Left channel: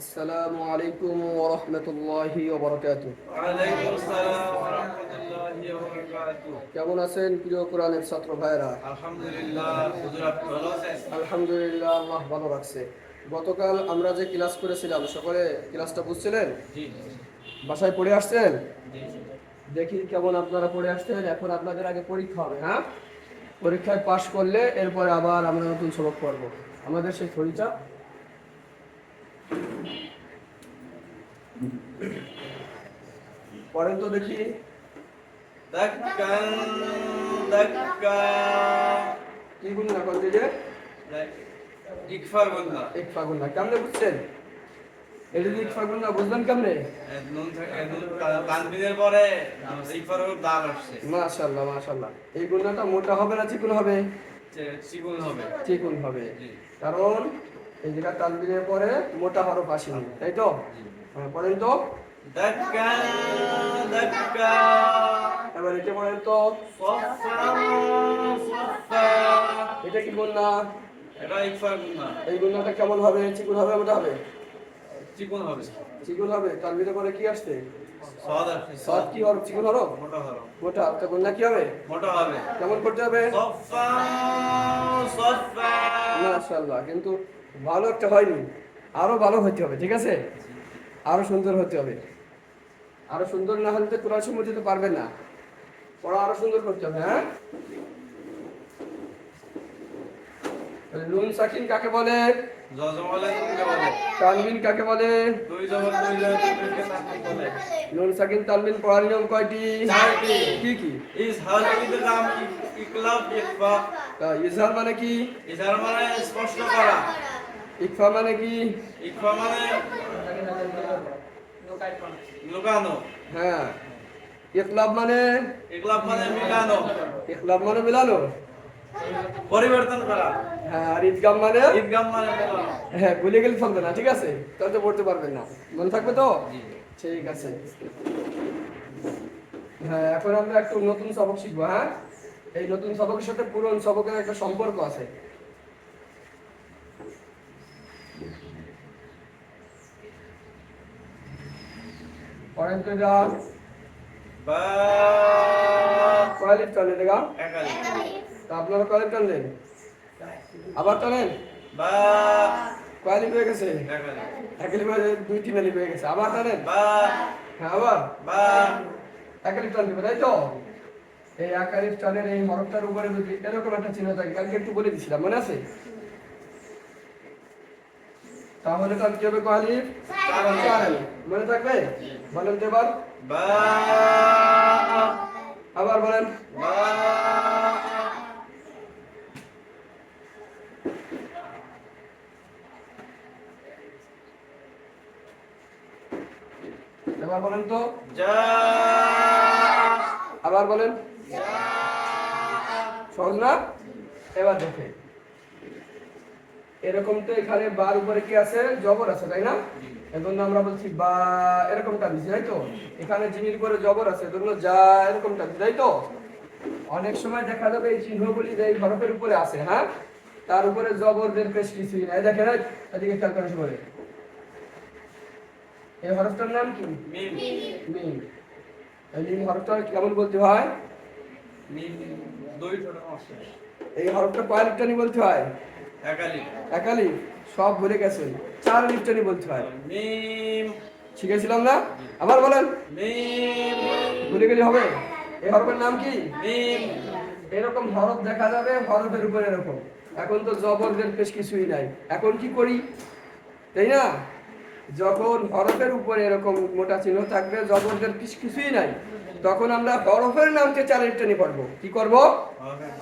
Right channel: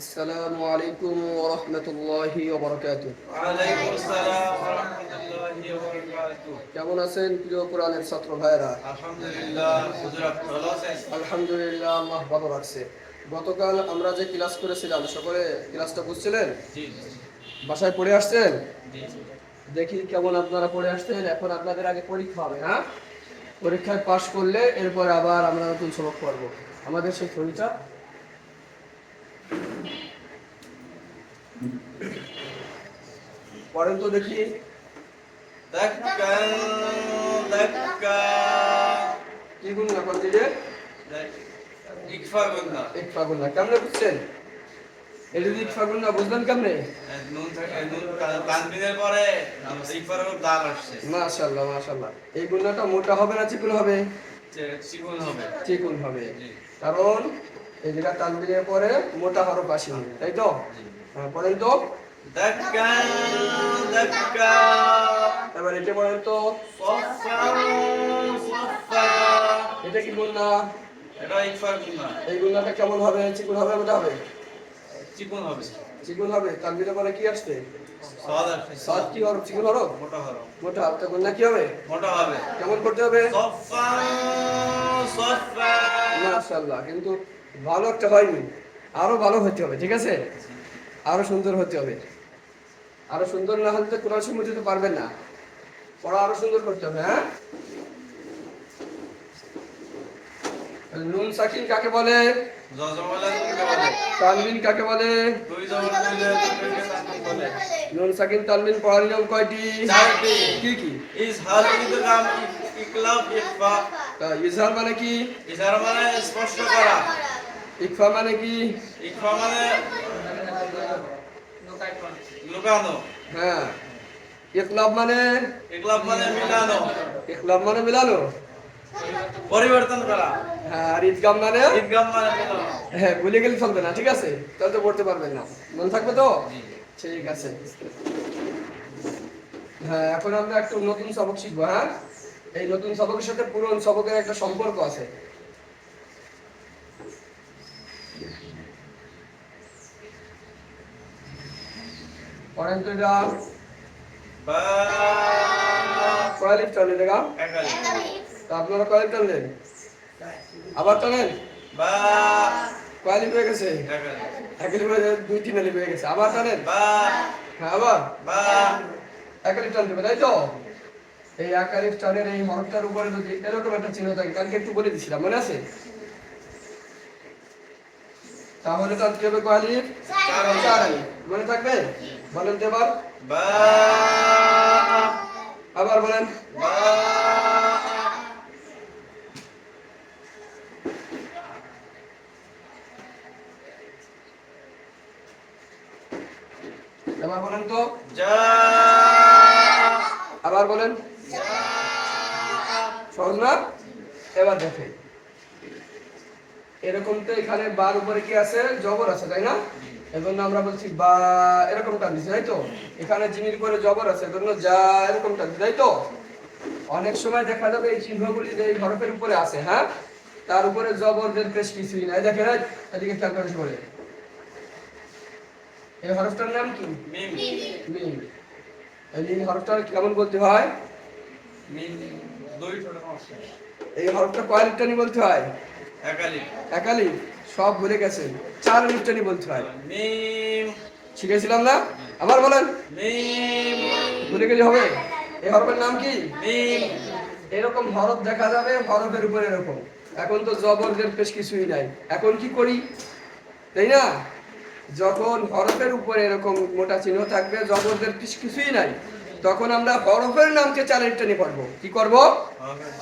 আসসালামু আলাইকুম ওয়া রাহমাতুল্লাহি ওয়া বারাকাতুহু। ওয়ালাইকুম আসসালাম ওয়া রাহমাতুল্লাহি ওয়া বারাকাতুহু। কেমন আছেন প্রিয় কোরআনের ছাত্র ভাইরা? আলহামদুলিল্লাহ, হুজুর আপনি ভালো আছেন? আলহামদুলিল্লাহ, আল্লাহ ভালো রাখছে। গতকাল আমরা যে ক্লাস করেছিলাম সকলে ক্লাসটা বুঝছিলেন? জি জি বাসায় পড়ে আসছেন? জি জি। দেখি কেমন আপনারা পড়ে আসছেন। এখন আপনাদের আগে পরীক্ষা হবে, হ্যাঁ? পরীক্ষায় পাশ করলে এরপর আবার আমরা নতুন সবক পড়ব। আমাদের সেই থিওরিটা পড়েন তো দেখি। দাক্কান দাক্কা। কি গুণ না কোন দিকে? ইকফা গুন্না। এক ফাগুন না কেমনে বুঝছেন? এটা যদি এক ফাগুন না বুঝলেন কেমনে? নুন থাকে, নুন তানবিনের পরে ইকফার উপর দাল আসছে। মাশাআল্লাহ মাশাআল্লাহ। এই গুণাটা মোটা হবে না চিকন হবে? চিকন হবে। চিকন হবে, জি কারণ এই জায়গা তানবিনের পরে মোটা হরফ আসেনি, তাই তো? জি। হ্যাঁ, পড়েন তো। দাক্কান দাক্কা। এবার এটা পড়েন তো। সাফফান সাফফা। এটা কি গুণা? এটা ইকফা গুন্না। এই গুণাটা কেমন হবে? চিকন হবে মোটা হবে? চিকন হবে। চিকন হবে। তানবিনের পরে কি আসছে? সাদ আসছে। সাত কি হরফ? চিকন হরফ? মোটা হরফ। মোটা। তো গুণা কি হবে? মোটা হবে। কেমন করতে হবে? সাফফান সাফফা। মাশাআল্লাহ, কিন্তু ভালো একটা হয়নি, আরো ভালো হতে হবে, ঠিক আছে? আরো সুন্দর হতে হবে। আরো সুন্দর না হলে তো কোরআন শরীফ বুঝতে পারবেন না। পড়া আরো সুন্দর করতে হবে, হ্যাঁ? নুন সাকিন কাকে বলে? জজমালা নুনকে বলে। তানবিন কাকে বলে? দুই জবর দুই জবর দুইকে তানবিন বলে। নুন সাকিন তানবিন পড়ার নিয়ম কয়টি? চারটি। কি কি? ইজহার ইদগাম ইকলাব ইকফা। ইজহার মানে কি? ইজহার মানে স্পষ্ট করা। ইকফা মানে কি? ইকফা মানে লুকানো। হ্যাঁ। ইকলাব মানে? ইকলাব মানে মিলানো, ইকলাব মানে মিলানো। পরিবর্তন করা। হ্যাঁ, আর ঈদগাম মানে? ইদগাম মানে মিলানো। হ্যাঁ, ভুলে গেলে চলবে না, ঠিক আছে? তাহলে তো পড়তে পারবেন না। মনে থাকবে তো? জি। ঠিক আছে। হ্যাঁ, এখন আমরা একটু নতুন সবক শিখবো, হ্যাঁ? এই নতুন সবকের সাথে পুরনো সবকের একটা সম্পর্ক আছে। পড়েন তো এটা। বা কয় টানলেন দেখা? একালি। তা আপনারা কয় টানলেন? আবার টানেন। বা কয় লিপ হয়ে গেছে? একালি। এক লিপ হয়ে দুই তিন লিপ হয়ে গেছে। আবার টানেন। বা হ্যাঁ, আবার বা এক লিপ টান দেবে, তাই তো? এই একালিফ টানের এই হরফটার উপরে যদি এরকম একটা চিহ্ন থাকে, কালকে একটু বলে দিছিলাম, মনে আছে? তাহলে টানতে হবে কয় আলিফ? চার আলিফ। মনে থাকবে? বলেন তো এবার। বা আবার বলেন। বা এবার বলেন তো। যা আবার বলেন। সহজ না? এবার দেখেন, এরকম তো এখানে বার উপরে কি আছে? জবর আছে, তাই না? এজন্য আমরা বলছি বা, এরকম টানছি, তাই তো? এখানে জিমির পরে জবর আছে, এজন্য যা, এরকম টানছি, তাই তো? অনেক সময় দেখা যাবে এই চিহ্নগুলি যে এই হরফের উপরে আছে, হ্যাঁ, তার উপরে জবরদের পেশ কিছুই নাই। দেখেন, এদিকে খেয়াল করেন বলে, এই হরফটার নাম কি? মিম। মিম। এই হরফটা কেমন বলতে হয়? মিম দুই ছোট সমস্যা। এই হরফটা কয় লিপটানি বলতে হয়? একালি। একালি। সব ভুলে গেছেন, চার লিপটানি বলতে হয়। মিম শিখেছিলাম না? আবার বলেন। মিম ভুলে গেলে হবে? এই হরফের নাম কি? মিম। এরকম হরফ দেখা যাবে হরফের উপরে এরকম। এখন তো জবরদের পেশ কিছুই নাই, এখন কি করি, তাই না? যখন হরফের উপরে এরকম মোটা চিহ্ন থাকবে, জবরদের পেশ কিছুই নাই, তখন আমরা হরফের নামকে চারের টানি পড়বো। কি করব?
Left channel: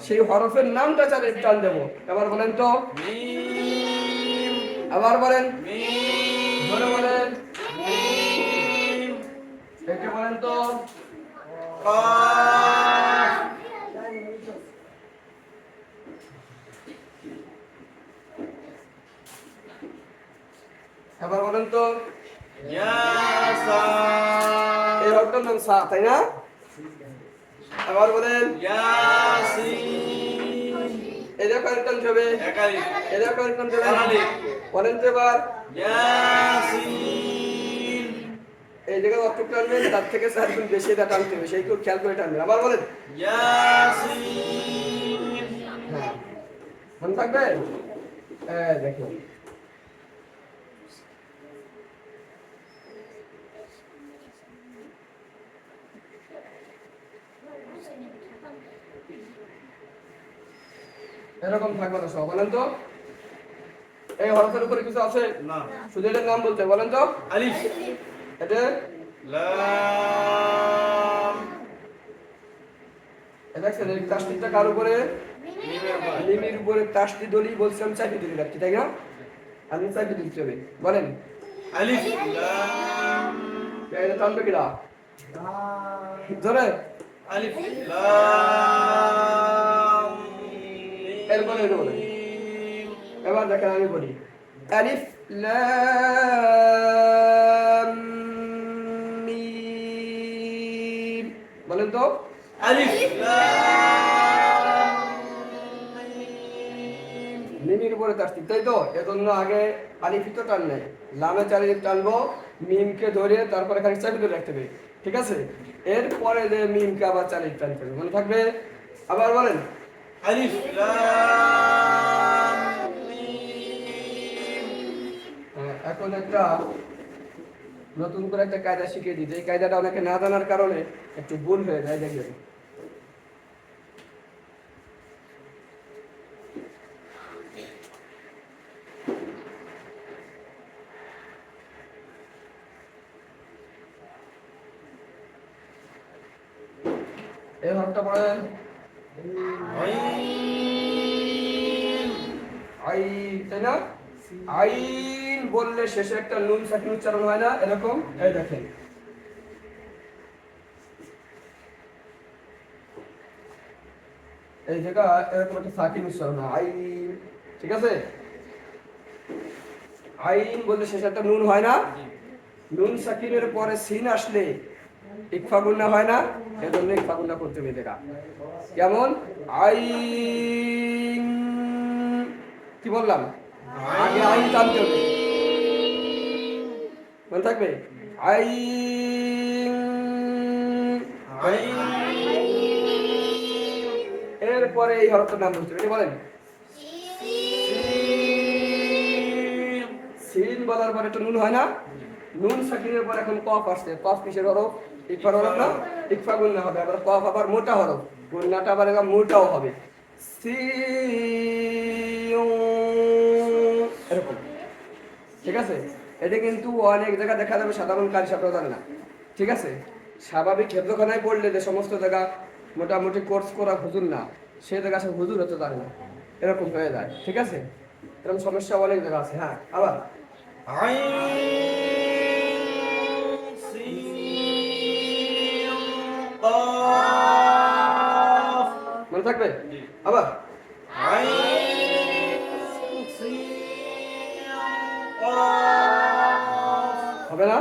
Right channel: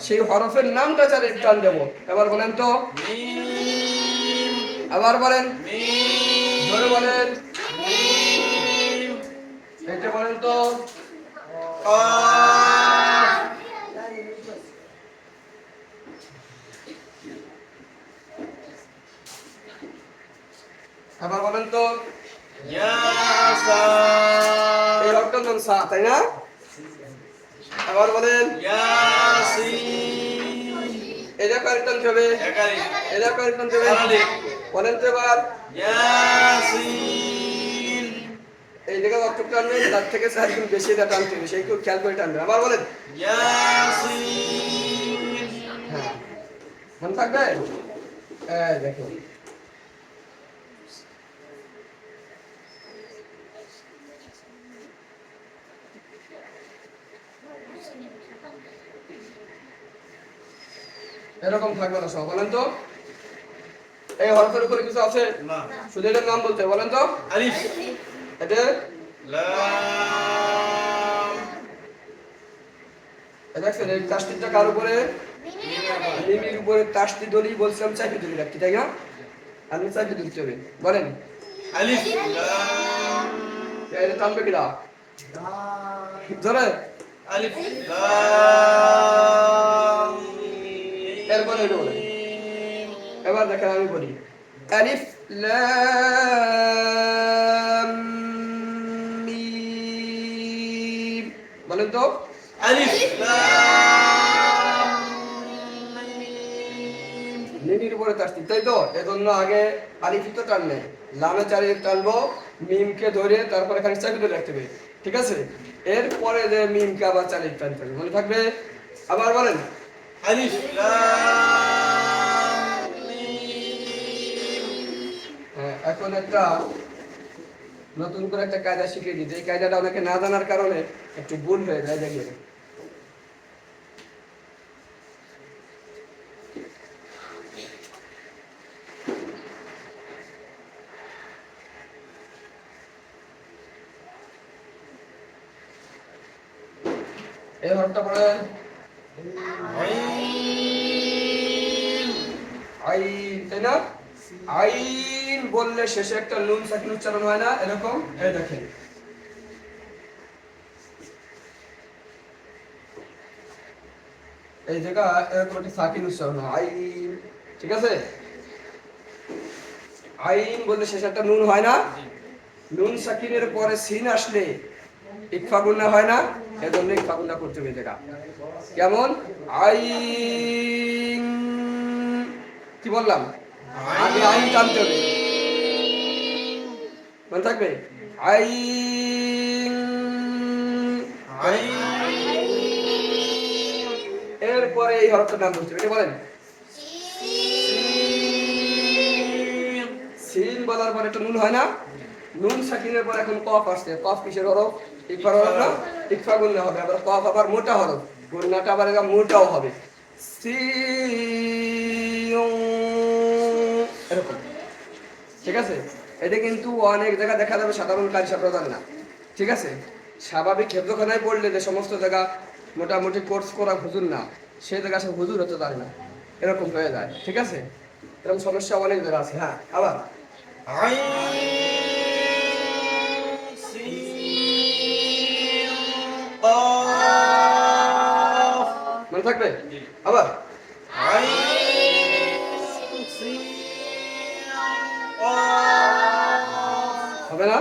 সেই হরফের নামটা চারের টান দেবো। এবার বলেন তো। মিম আবার বলেন। মিম জোরে বলেন। মিম এটা বলেন তো। কাফ আবার বলেন তো। ইয়াসা এই হরফটার নাম সা, তাই না? আবার বলেন। ইয়াসিন এটা কয়েক টানতে হবে। একালি। এটা কয়েক টানতে হবে। চারালি। বলেন তো এবার ইয়াসিন এই জায়গায় অর্থ টানবেন, তার থেকে 4 গুণ বেশি এটা টানতে হবে, সেই কেউ খেয়াল করে টানবেন। আবার বলেন। ইয়াসিন হ্যাঁ, মনে থাকবে। দেখুন এরকম থাকবে না সব। বলেন তো এই হরফের উপরে কিছু আছে? না শুধু এটার নাম বলতে হবে। বলেন তো আলিফ এটা লাম দেখছেন এই তাসদিদটা কার উপরে? মিমির উপরে। তাসদিদ দলি বলছিলাম চাপি দলি রাখতে, তাই না? আপনি চাপি দিতে হবে। বলেন আলিফ লাম এটা টানবে কিনা ধরে? আলিফ লাম এরপরে এটা বলেন। এবার দেখেন আমি বলি আলিফ লাম মিম। বলেন তো আলিফ লাম মিমির উপরে তাসদিদ, তাই তো? এজন্য আগে আলিফ তো টানলে, লামে 4 আলিফ টানবো, মিমকে ধরে তারপরে খালি চাপি ধরে রাখতে হবে, ঠিক আছে? এরপরে যে মিমকে আবার 4 আলিফ টানতে হবে। মনে থাকবে? আবার বলেন। আলিফ লাম মিম হ্যাঁ, এখন একটা নতুন করে একটা কায়দা শিখিয়ে দিই, এই কায়দাটা অনেকে না জানার কারণে একটু ভুল হয়ে যায়। দেখবেন এই হরফটা পড়েন আইন, তাই না? আইন বললে শেষে একটা নুন সাকিন উচ্চারণ হয় না এরকম? এই দেখেন এই জায়গা এরকম একটা সাকিন উচ্চারণ হয় আইন, ঠিক আছে? আইন বললে শেষে একটা নুন হয় না? নুন সাকিনের পরে সিন আসলে ইকফা গুন্না হয় না? এজন্য ইকফা গুন্না করতে হবে। জায়গা কেমন? আইন, কি বললাম? আগে আইন টানতে হবে, মনে থাকবে? আইন, এরপরে এই হরফটার নাম বলতে হবে। বলেন সিন বলার পরে একটা নুন হয় না? নুন সাকিনের পর এখন কফ আসছে। কফ কিসের হরফ? ইকফার হরফ না? ইকফা গুন্না হবে। আবার কফ আবার মোটা হরফ, গুন্নাটা আবার এবার মোটাও হবে। এরকম, ঠিক আছে? এটা কিন্তু অনেক জায়গা দেখা যাবে সাধারণ কারি ছাত্র জানে না, ঠিক আছে? স্বাভাবিক হেফজখানায় পড়লে যে সমস্ত জায়গা মোটামুটি কোর্স করা হুজুর না, সে জায়গা সে হুজুর হতে জানে না, এরকম হয়ে যায়, ঠিক আছে? এরকম সমস্যা অনেক জায়গা আছে। হ্যাঁ, আবার আইন সিন কাফ মনে থাকবে? আবার আইন সিন কাফ হবে না?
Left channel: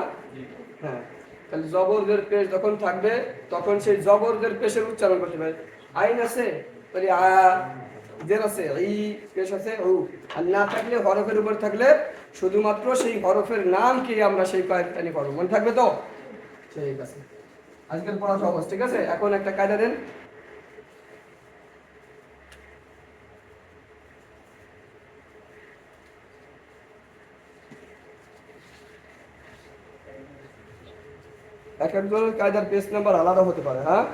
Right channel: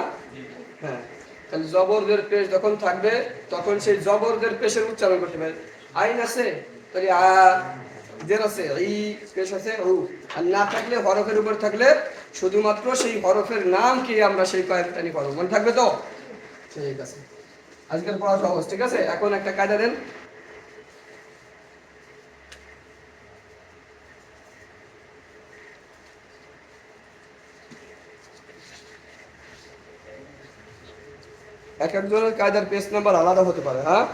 হ্যাঁ, তাহলে জবরদের পেশ যখন থাকবে তখন সেই জবরদের পেশের উচ্চারণ করতে হবে। আইন আছে তাহলে আ, জের আছে ই, পেশ আছে উ। আর না থাকলে হরফের উপর থাকলে শুধুমাত্র সেই হরফের নাম কি আমরা সেই কয়েকটা নিয়ে পড়বো। মনে থাকবে তো? ঠিক আছে, আজকের পড়া সহজ, ঠিক আছে? এখন একটা কায়দা দেন। এক একজনের কায়দার পেজ নাম্বার আলাদা হতে পারে। হ্যাঁ,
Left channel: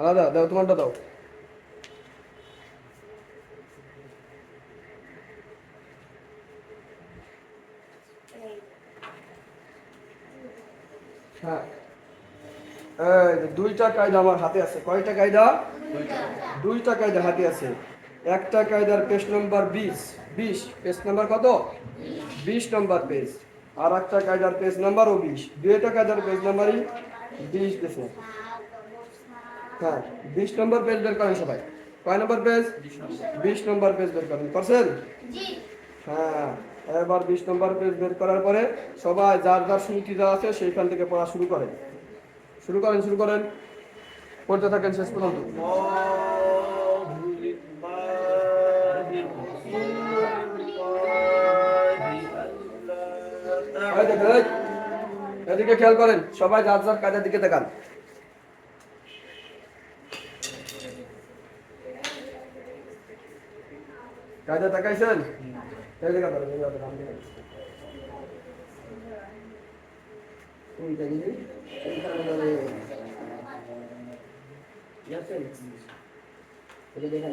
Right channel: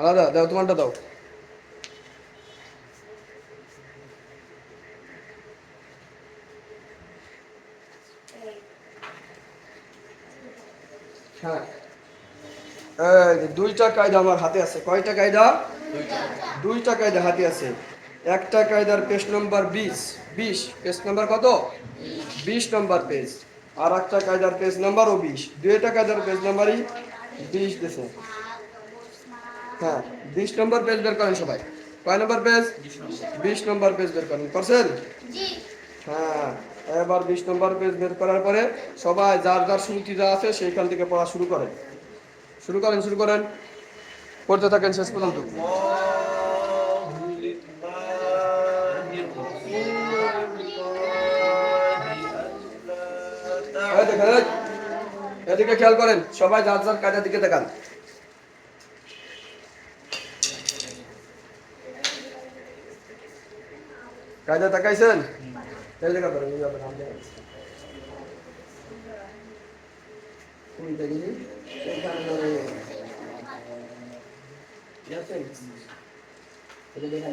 আলাদা দাও, তোমারটা দাও। হ্যাঁ, দুইটা কায়দা আমার হাতে আছে। কয়টা কায়দা? দুইটা কায়দা হাতে আছে। একটা কায়দার পেজ নম্বর 20, পেজ নাম্বার কত? 20 নম্বর পেজ। আর একটা কায়দার পেজ নাম্বারও 20। দুইটা কায়দার পেজ নাম্বারই 20 দেশে। হ্যাঁ, 20 নম্বর পেজ বের করেন সবাই। কয় নম্বর পেজ? 20 নম্বর পেজ বের করেন। করছেন? হ্যাঁ, এবার 20 নম্বর পেজ বের করার পরে সবাই যার যার শুরুতে যা আছে সেইখান থেকে পড়া শুরু করেন। শুরু করেন, করতে থাকেন শেষ পর্যন্ত। দিকে খেয়াল করেন, সবাই যার যার কায়দার দিকে তাকান। কায়দা তাকাইছেন? এই জায়গা ধরেন, এই জায়গা ধরেন। এই দেখি, এইখানে ধরে। দেখছেন? এই যে দেখেন,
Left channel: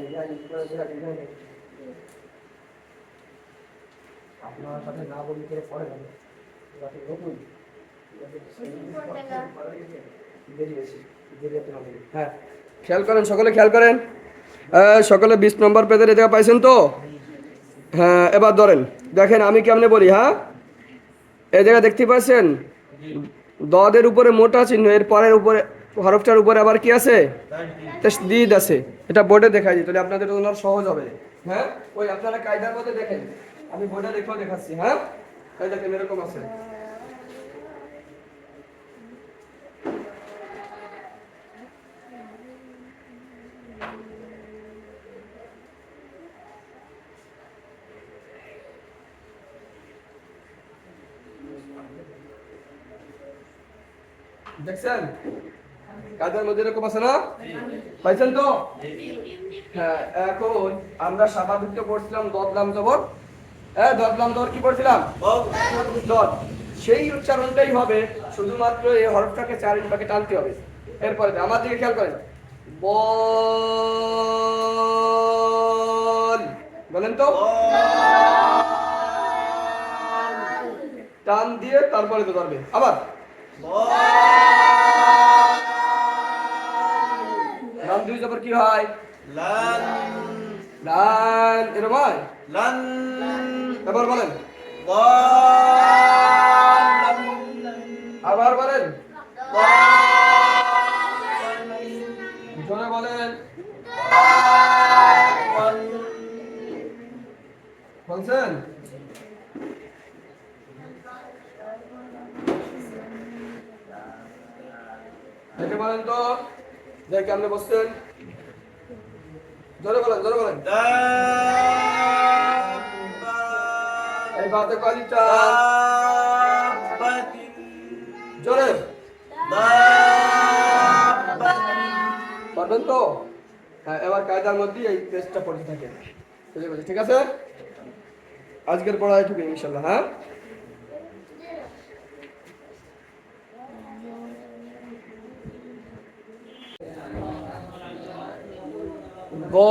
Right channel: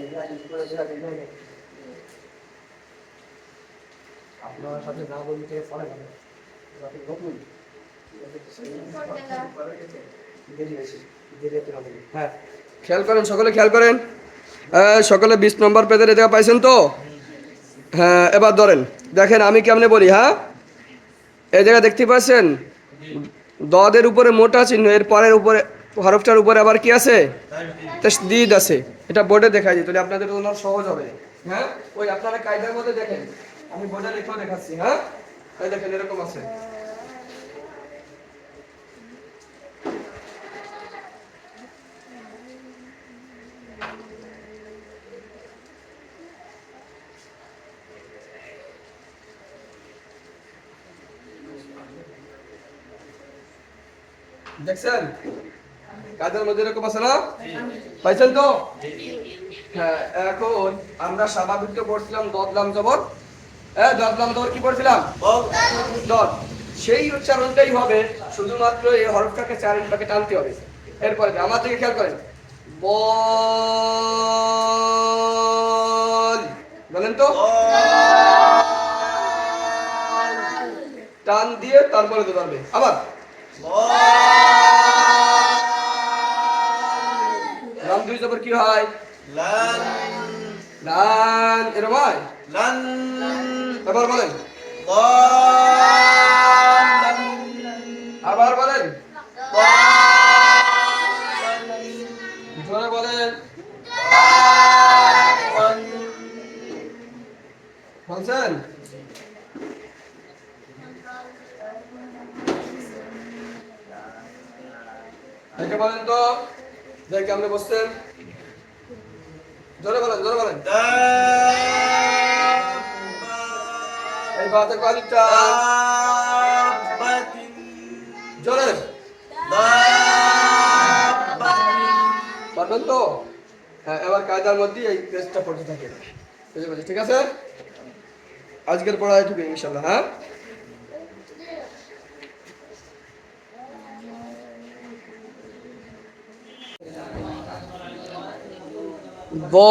আপনার সাথে না বলি কে পড়ে গেল। হ্যাঁ, খেয়াল করেন, সকলে খেয়াল করেন। সকলে 20 নম্বর পেজের জায়গা পাইছেন তো? হ্যাঁ, এবার ধরেন, দেখেন আমি কেমনে বলি। হ্যাঁ, এই জায়গা দেখতে পাচ্ছেন দদের উপরে মোটা চিহ্ন, এর পরের উপরে হরফটার উপরে আবার কি আছে? তাসদীদ আছে। এটা বোর্ডে দেখাই দিই, তাহলে আপনাদের জন্য সহজ হবে। হ্যাঁ, ওই আপনারা কায়দার মধ্যে দেখেন, আমি বোর্ডে লিখেও দেখাচ্ছি। হ্যাঁ, এই দেখেন এরকম আছে। দেখছেন কায়দার মধ্যে এরকম আছে না? পাইছেন তো? হ্যাঁ, এখন আমরা স্বাভাবিক তো পড়ছিলাম দদলাম জবর। হ্যাঁ, দদলাম জবর কি পড়ছিলাম? দদ। সেই উচ্চারণটাই হবে, শুধুমাত্র এই হরফটাকে 4 ইঞ্চিকে টানতে হবে। এরপরে আমার দিকে খেয়াল করেন, বল, বলেন তো। টান দিয়ে তারপরে তো ধরবে। আবার লাম দুই জবর কি হয়? লান। লান, এরকম হয়? লান। আবার বলেন। লান। আবার বলেন। লান। জোরে বলেন। বলছেন? দেখে বলেন তো, দেখে আপনি বসছেন। জোরে বলেন, জোরে বলেন। এই বাতে কালিটা জোরে পারবেন তো? হ্যাঁ, এবার কায়দার মধ্যে এই পেজটা পড়তে থাকে। ঠিক আছে, আজকের পড়া এটুকু ইনশাআল্লাহ। হ্যাঁ, ضالًا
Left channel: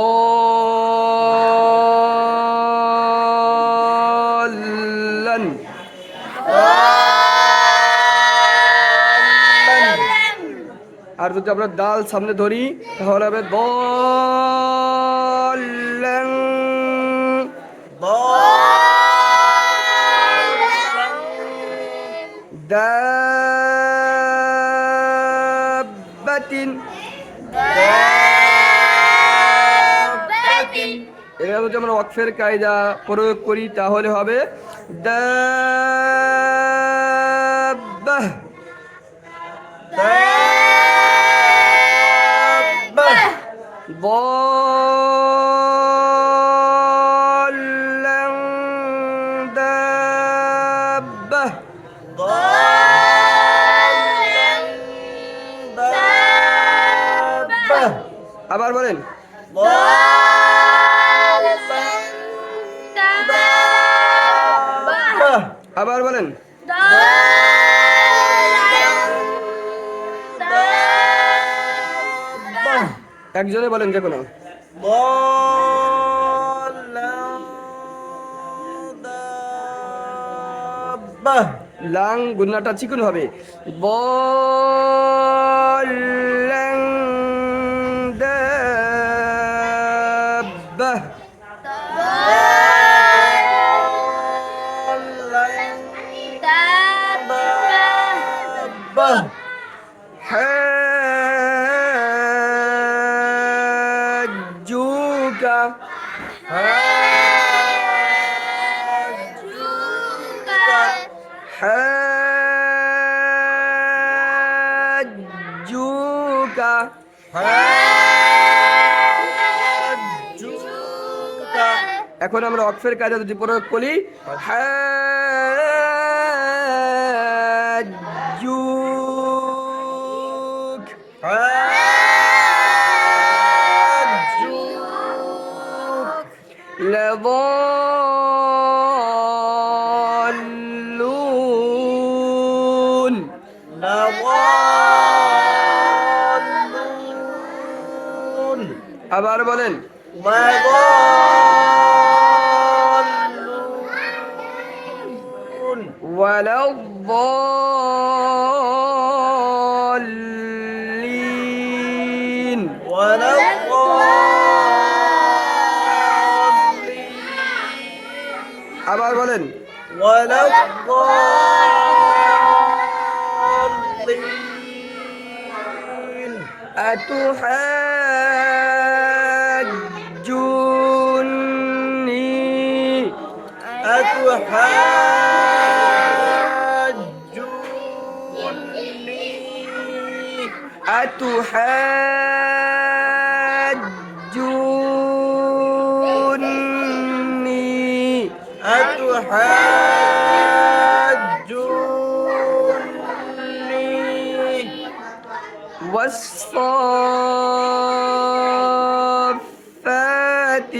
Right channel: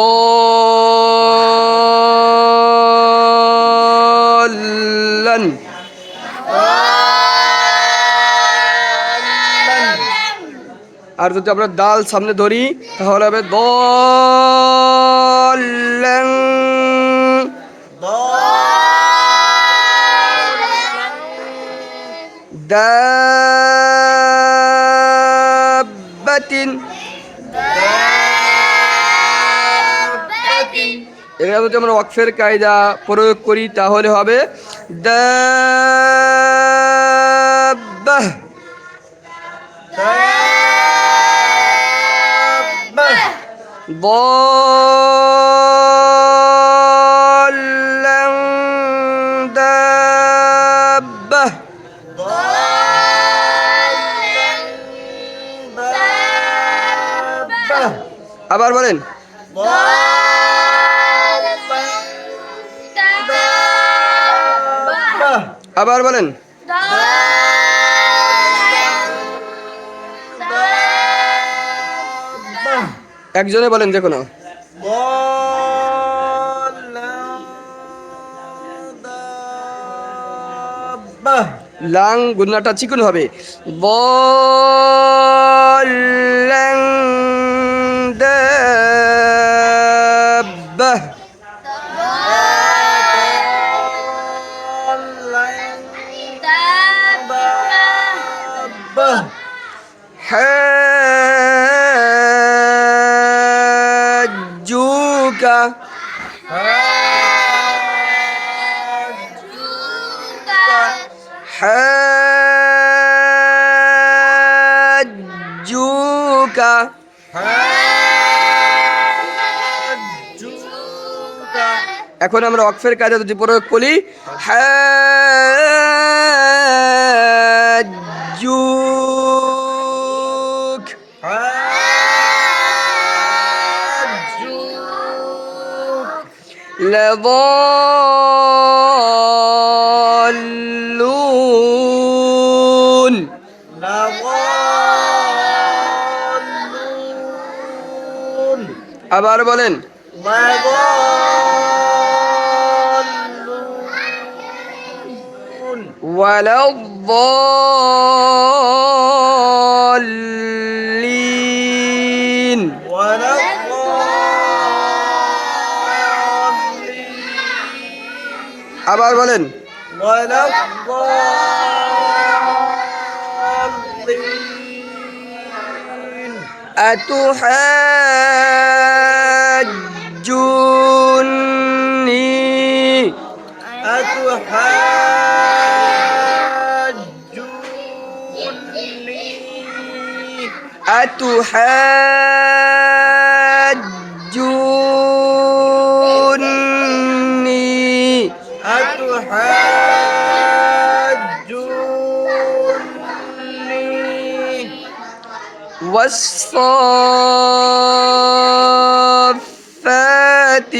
আর যদি আমরা দাল সামনে ধরি তাহলে হবে দল্লান। দাব্বাতিন। এখানে যদি আমরা ওয়াকফের কায়দা প্রয়োগ করি তাহলে হবে দাব্বাহ। ضالًا دابة। আবার বলেন। আবার বলেন। একজনে বলেন যে কোনো। লাং গুন্নাটা চিকন হবে। বল্লাং দাব্বাহ। حاجوك حاجوك এখন আমরা ওয়াকফের কায়দা যদি প্রয়োগ করি حاجوك لضالون আবার বলেন ولا الضالين আবার বলেন أتحاجوني أتحاجوني والصافات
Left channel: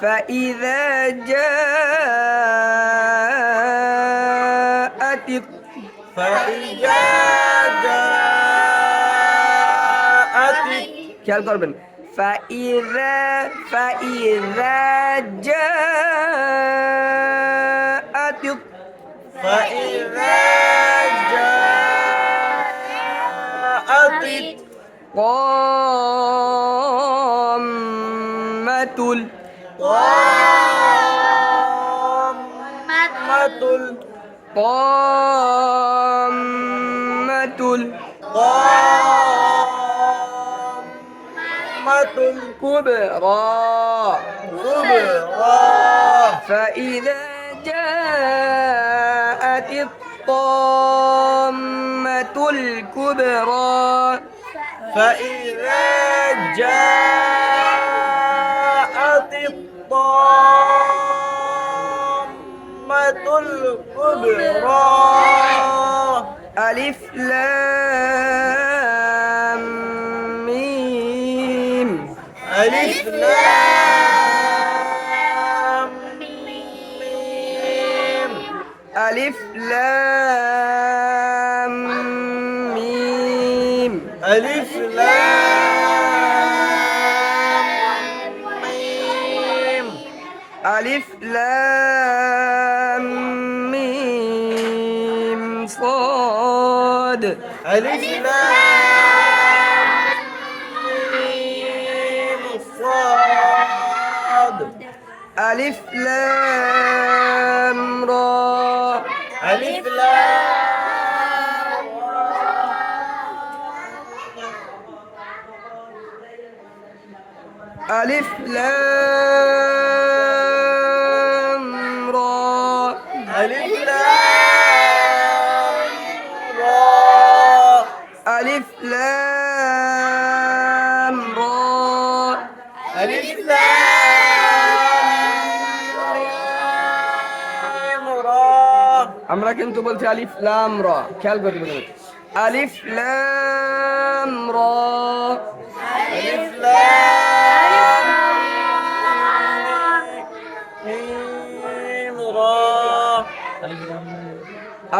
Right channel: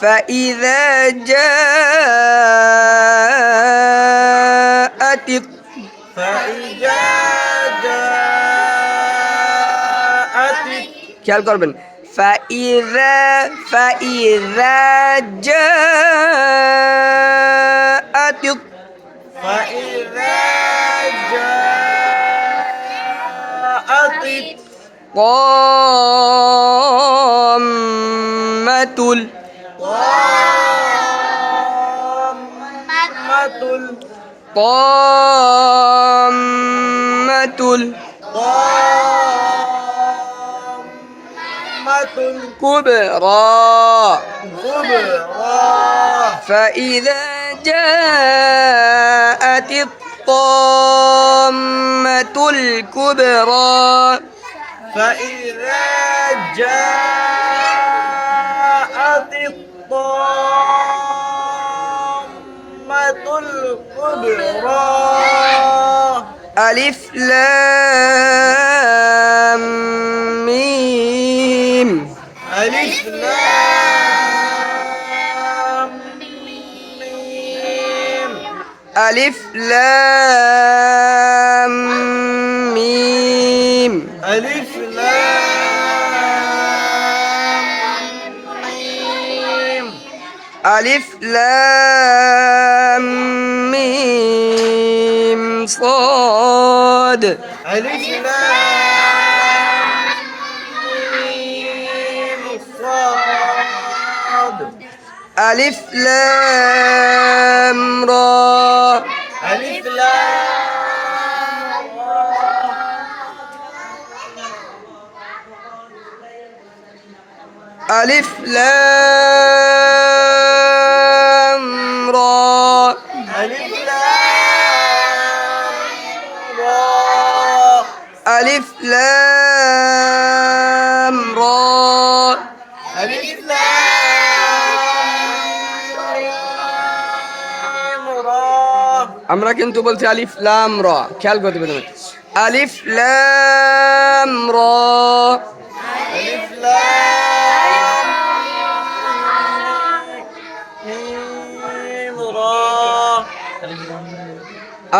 فإذا جاءت খেয়াল করবেন فإذا جاءت قامة الكبرى فإذا جاءت الطامة الكبرى ألف لام ميم ألف لام ميم ألف لام ميم صاد ألف لام را ألف لام را ألف لام را আমরা কিন্তু বলছি আলিফ লাম রা খেয়াল করতে হবে আলিফ লাম রা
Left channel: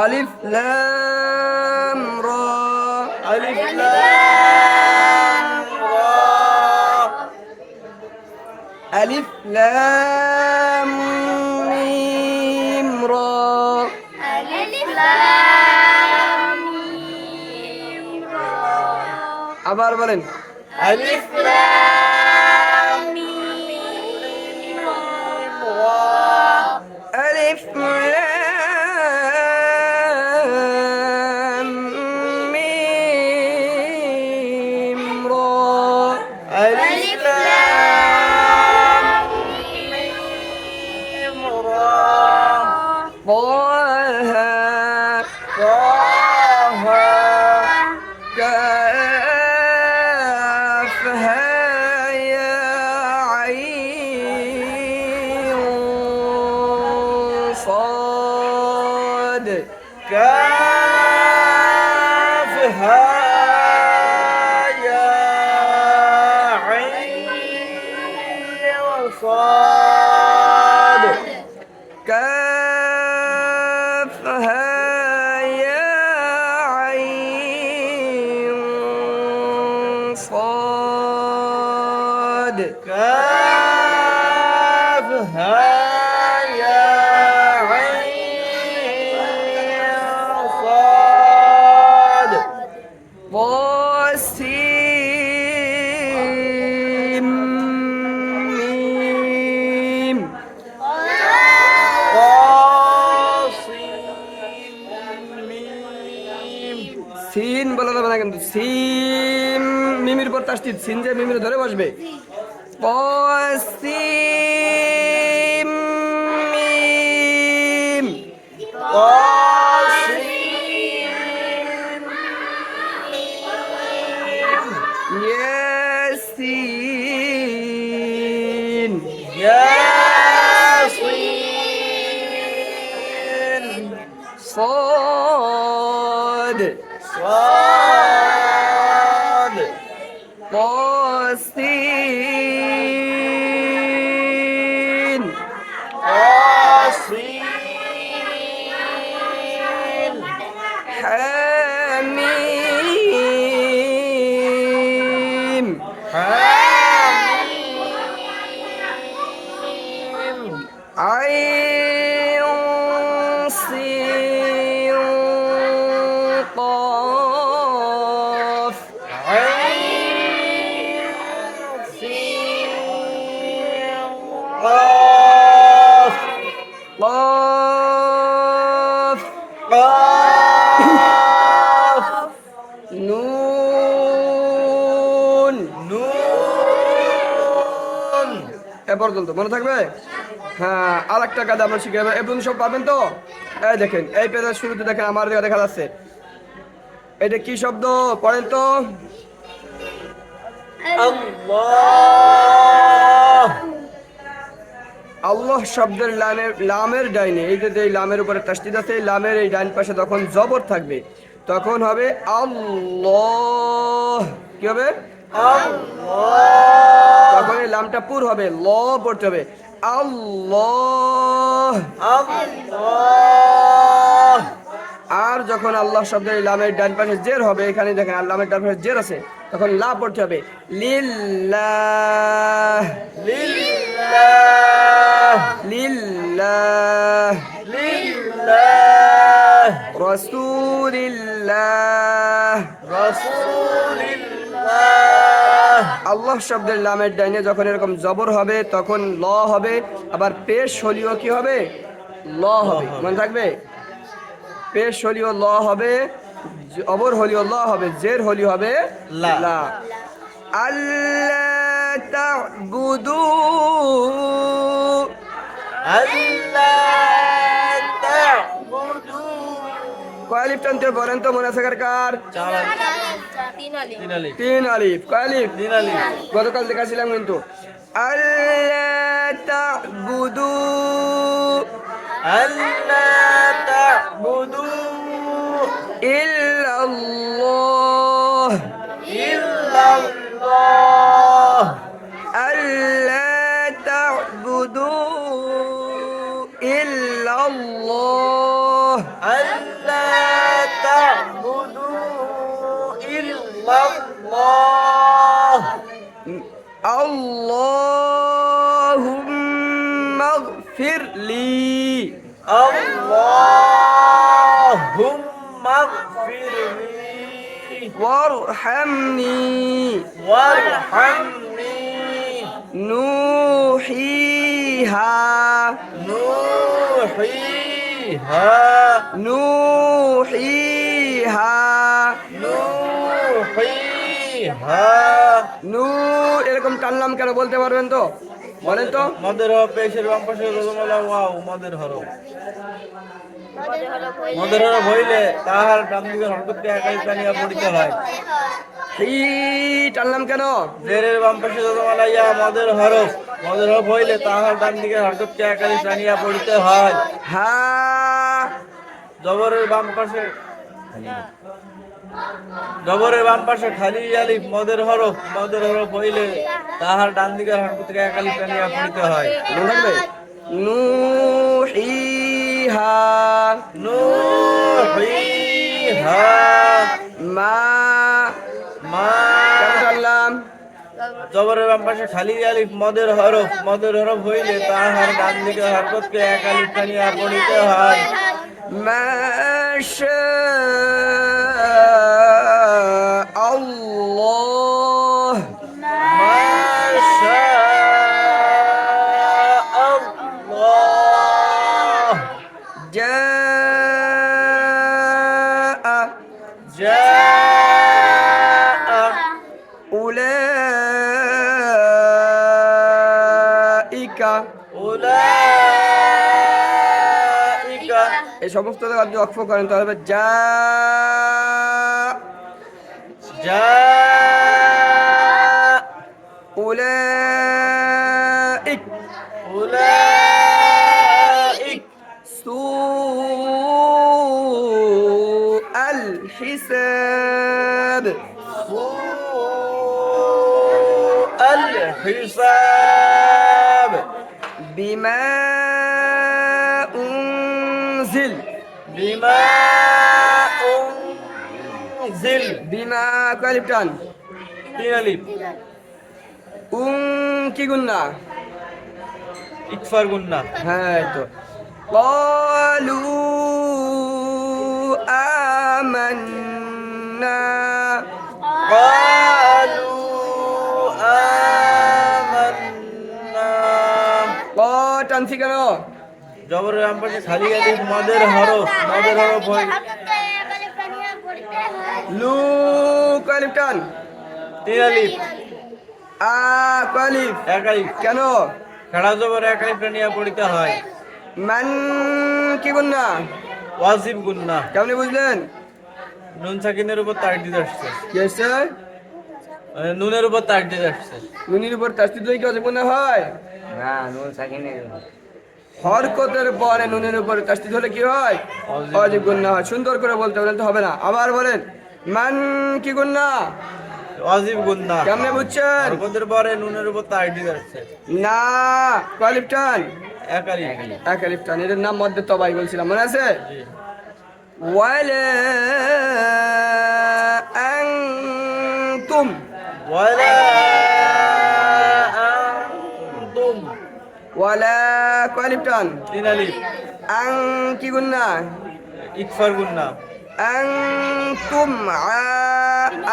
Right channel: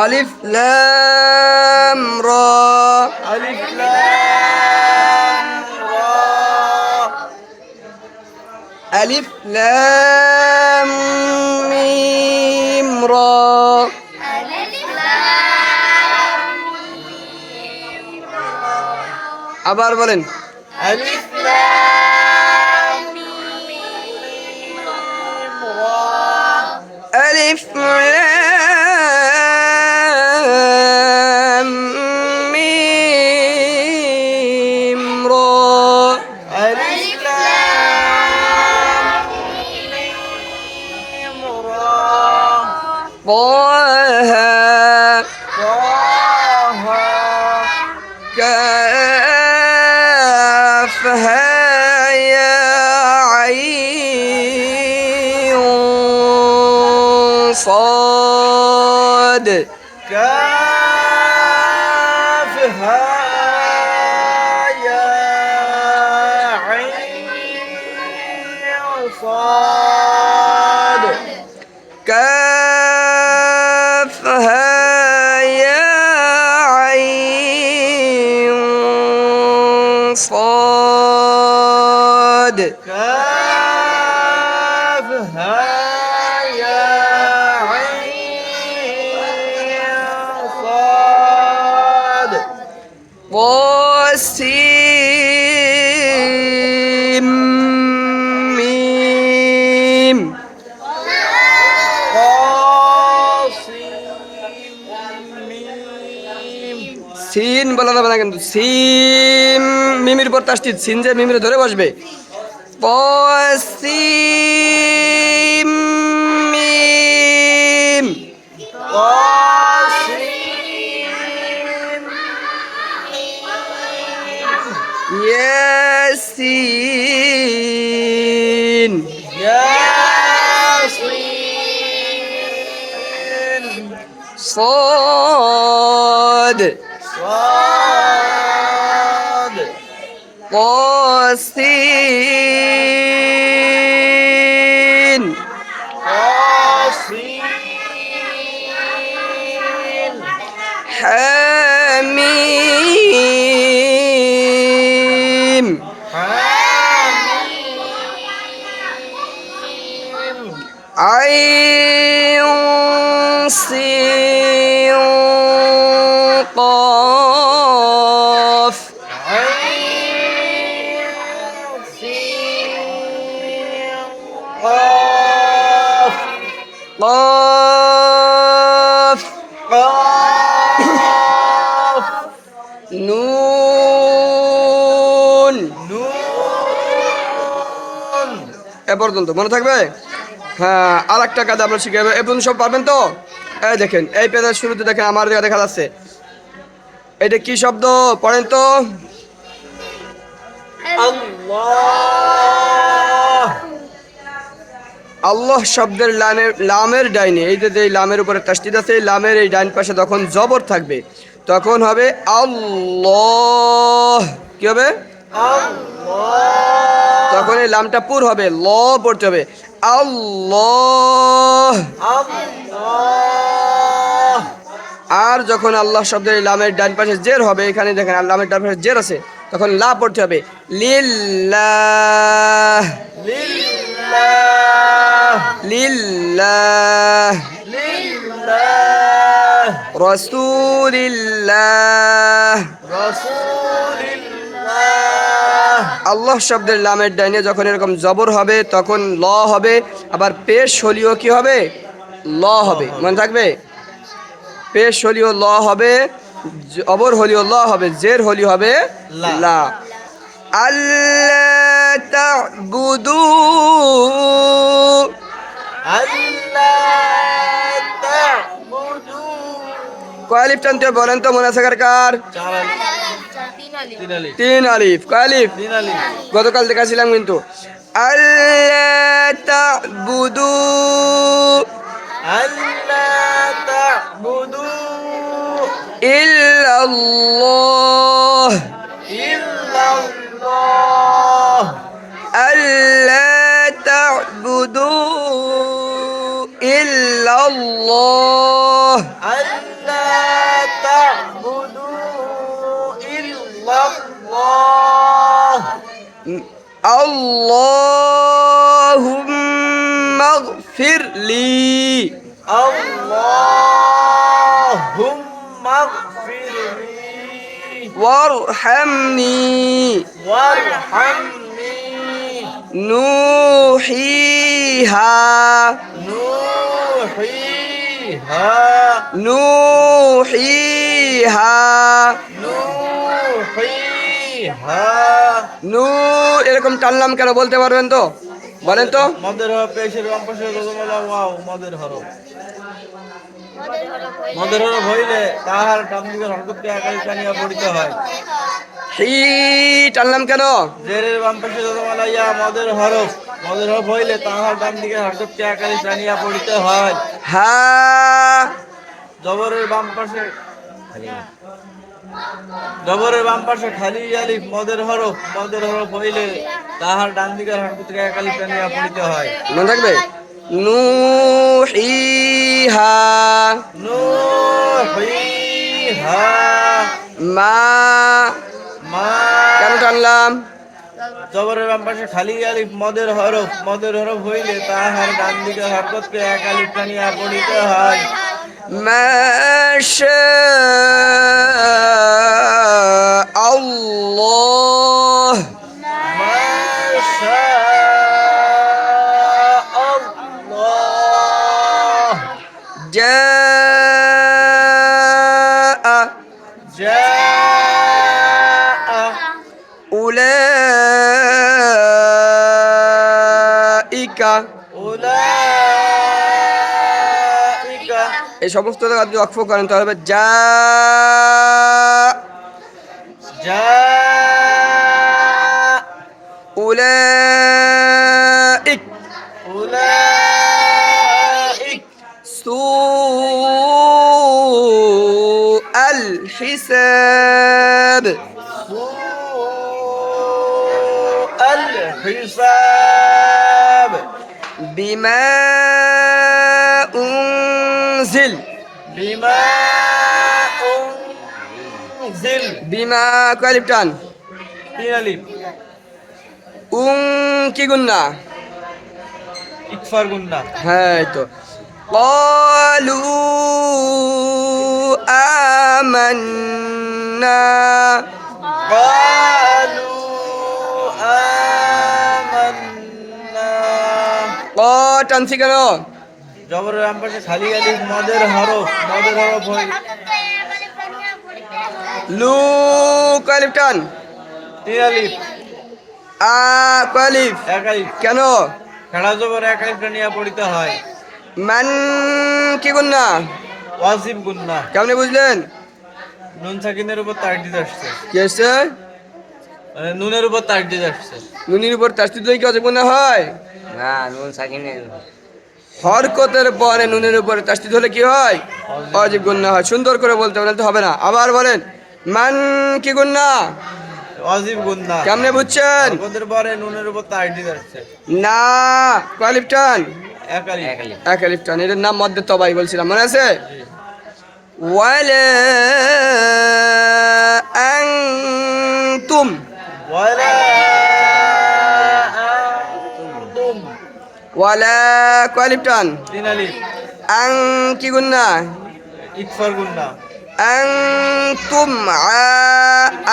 ألف لام را ألف لام ميم را আবার বলেন ألف لام ميم را ألف لام ميم را ألف لام ميم را طه كافها يا عين كافها يا عين صاد كافها يا عين صاد كافها يا عين صاد طاسيم ميم সিন বলা যাবে না কিন্তু সিম মিমির পর তাসদিদ সিন যে মিমির ধরে বসবে পসিম মিম ইয়াসিন صاد طاسين حميم عين سين قاف قاف নুন এ পর্যন্ত মনে থাকবে হ্যাঁ আর একটা কাজ আমরা শিখাবো এই পর্যন্ত সব পারবেন তো এই দেখেন এই পেজের শুরুতে দেখেন আমার দেখা যাচ্ছে এটা কি শব্দ পড়েন তো আল্লাহ আল্লাহ শব্দের লামের ডাইনে এই যে লামের উপরে তাসদিদ আছে লামের এই ডাইন পাশে যখন জবর থাকবে তখন হবে আল্লাহ কি হবে আল্লাহ তখন এই লামটা পুর হবে ল পড়তে হবে আল্লাহ আল্লাহ আর যখন আল্লাহ শব্দের লামের ডান পাশে জের হবে এখানে দেখেন লামের ডান পাশে জের আছে তখন লা পড়তে হবে লিল্লাহ লিল্লাহ লিল্লাহ লিল্লাহ রাসূলিল্লাহ রাসূলিল্লাহ আল্লাহ শব্দের লামের ডাইনে যখন এরকম জবর হবে তখন ল হবে আবার পেশ হলিও কি হবে ল হবে মনে থাকবে পেশ হলিও ল হবে জবর হলিও ল হবে জের হলি হবে লা। লা আল্লাহ তা'বুদু আল্লাহ তা'বুদু কয় আলিফ টানতে হবে বলেন তো মনে থাকার কার তিন আলিফ কয় আলিফ গতকাল দেখাছিলাম কিন্তু আল্লাহ তা'বুদু আল্লাহ তা'বুদু ইল্লাল্লাহ ইল্লাল্লাহ আল্লাহ তা'বুদু ইল্লাল্লাহ আল্লাহ তা'বুদু ইল্লাল্লাহ আল্লাহুম্মা ইগফিরলি আল্লাহুম্মা ইগফিরলি ওয়ারহামনি ওয়ারহামনি নুহিহা নুহিহা নুহিহা নুহিহা নু এরকম টানলাম কেন বলতে পারবেন তো বলেন তো মদের হরফ পেশের বাম পাশে রজমালা ওয়াও মদের হরফ হইলে তাহার ডান দিকের হরকতকে একাই টানিয়া পড়িতে হয় হি টানলাম কেন জেরের বাম পাশে রজমালা ইয়া মদের হরফ হইলে তাহার ডান দিকের হরকতকে একাই টানিয়া পড়িতে হয় হা জবরের বাম পাশে জবরের বাম পাশে খালি আলিফ মদের হরফ হইলে তাহার ডান দিকের হরফ থেকে এক আলিফ টানিয়া পড়িতে হয়। মনে থাকবে নুহিহা নুহিহা মা মা কেন টানলাম? জবরের বাম পাশে খালি আলিফ মদের হরফ হইলে তাহার ডান দিকের হরকতকে এক আলিফ টানিয়া পড়িতে হয়। মাশা আল্লাহ মাশা আল্লাহ জাআ জাআ উলাইকা উলাইকা এই সমস্ত জায়গা যদি অক্ষ করেন তাহলে হবে যা জাআ উলাইক উলাইক সুআল হিসাব الحساب بما أنزل بما أنزل بما كالب টান তিন আলিফ কি গুন্না ইকফার গুন্না হ্যাঁ এই তো قالوا آمنا قالوا آمنا টানছি কেন? জবরের বাম পাশে খালি আলিফ মদের হরফ হয় লু কালিব টান তিন আলিফ কালিব এক আলিফ কেন? খাড়া জবর এক আলিফ টানিয়া পড়িতে হয়। মান কি গুন্না ওয়াজিব গুন্না কেমনে বুঝলেন? নুন সাকিনের উপর তাকদিদ আসছে, কি আসছে? মানে নুনের উপর তাকদিদ আসছে। নুনির উপর তাসদিদ কি অজীব গুন্না হয়? না নুন সাকিনের হরকতের পরে নুনের উপরে তাসদিদ হলে কি হয়? অজীব গুন্না হয়। সুন্দর করে বলতে বলেন তো হবে না। আবার বলেন মান কি গুন্না ওয়াজিব গুন্না কেমনে বুঝছেন? হরকতের পরে নুনের উপর তাকদিদ আসছে। না কালিব টান এক আলিফ এক আলিফ টান এর নাম মধ্যে তবাই বলছিলাম মনে আছে? জি। ওয়ালা আনতুম ওয়ালা আনতুম ওয়ালা কালিব টান তিন আলিফ আং কি গুন্না ইকফার গুন্না আনতুম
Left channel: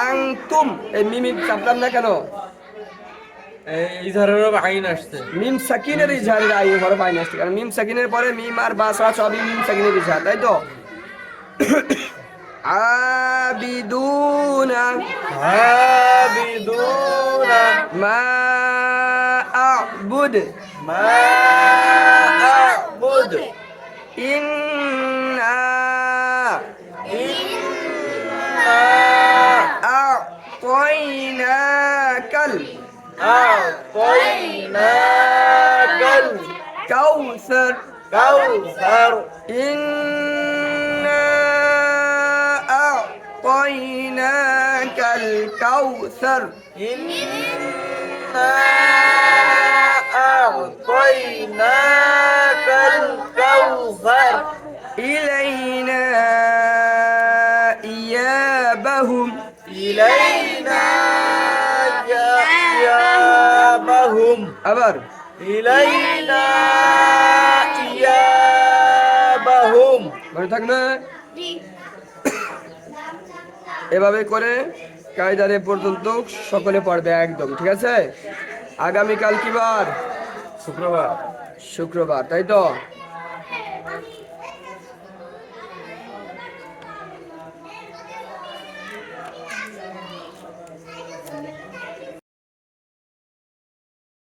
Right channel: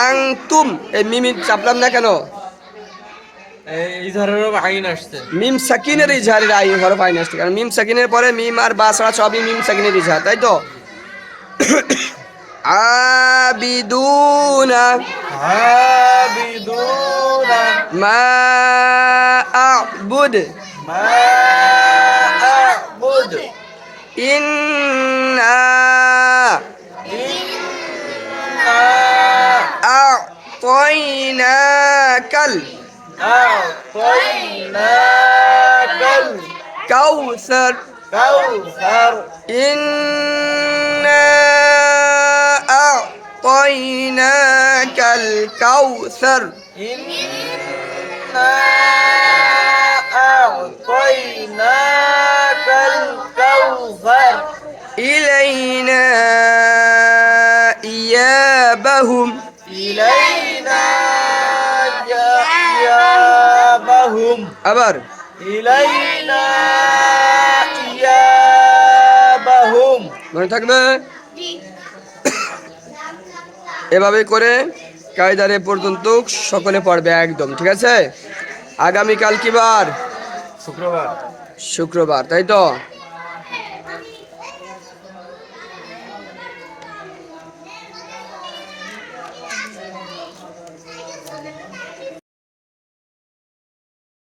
আনতুম এই মিম চাপলাম না কেন? এই ধরনের আইন আসছে। মিম সাকিনের ইজহারের আই হরফ আইন আসছে কারণ মিম সাকিনের পরে মিম আর বা ছাড়া সবই মিম সাকিনের ইজহার তাই তো? আবিদুনা আবিদুনা মা আ'বুদ মা আ'বুদ ইন্না ইন্না আ'তাইনাকাল আ'তাইনাকাল কাউসার কাউসার إنا أعطيناك الكوثر إنا أعطيناك الكوثر إلينا إيابهم إلينا إيابهم আবার إلينا إيابهم মনে থাকবে এভাবে করে কায়দারে পর্যন্ত সকলে পড়বে একদম ঠিক আছে? আগামীকাল কি বার? শুক্রবার শুক্রবার তাই তো?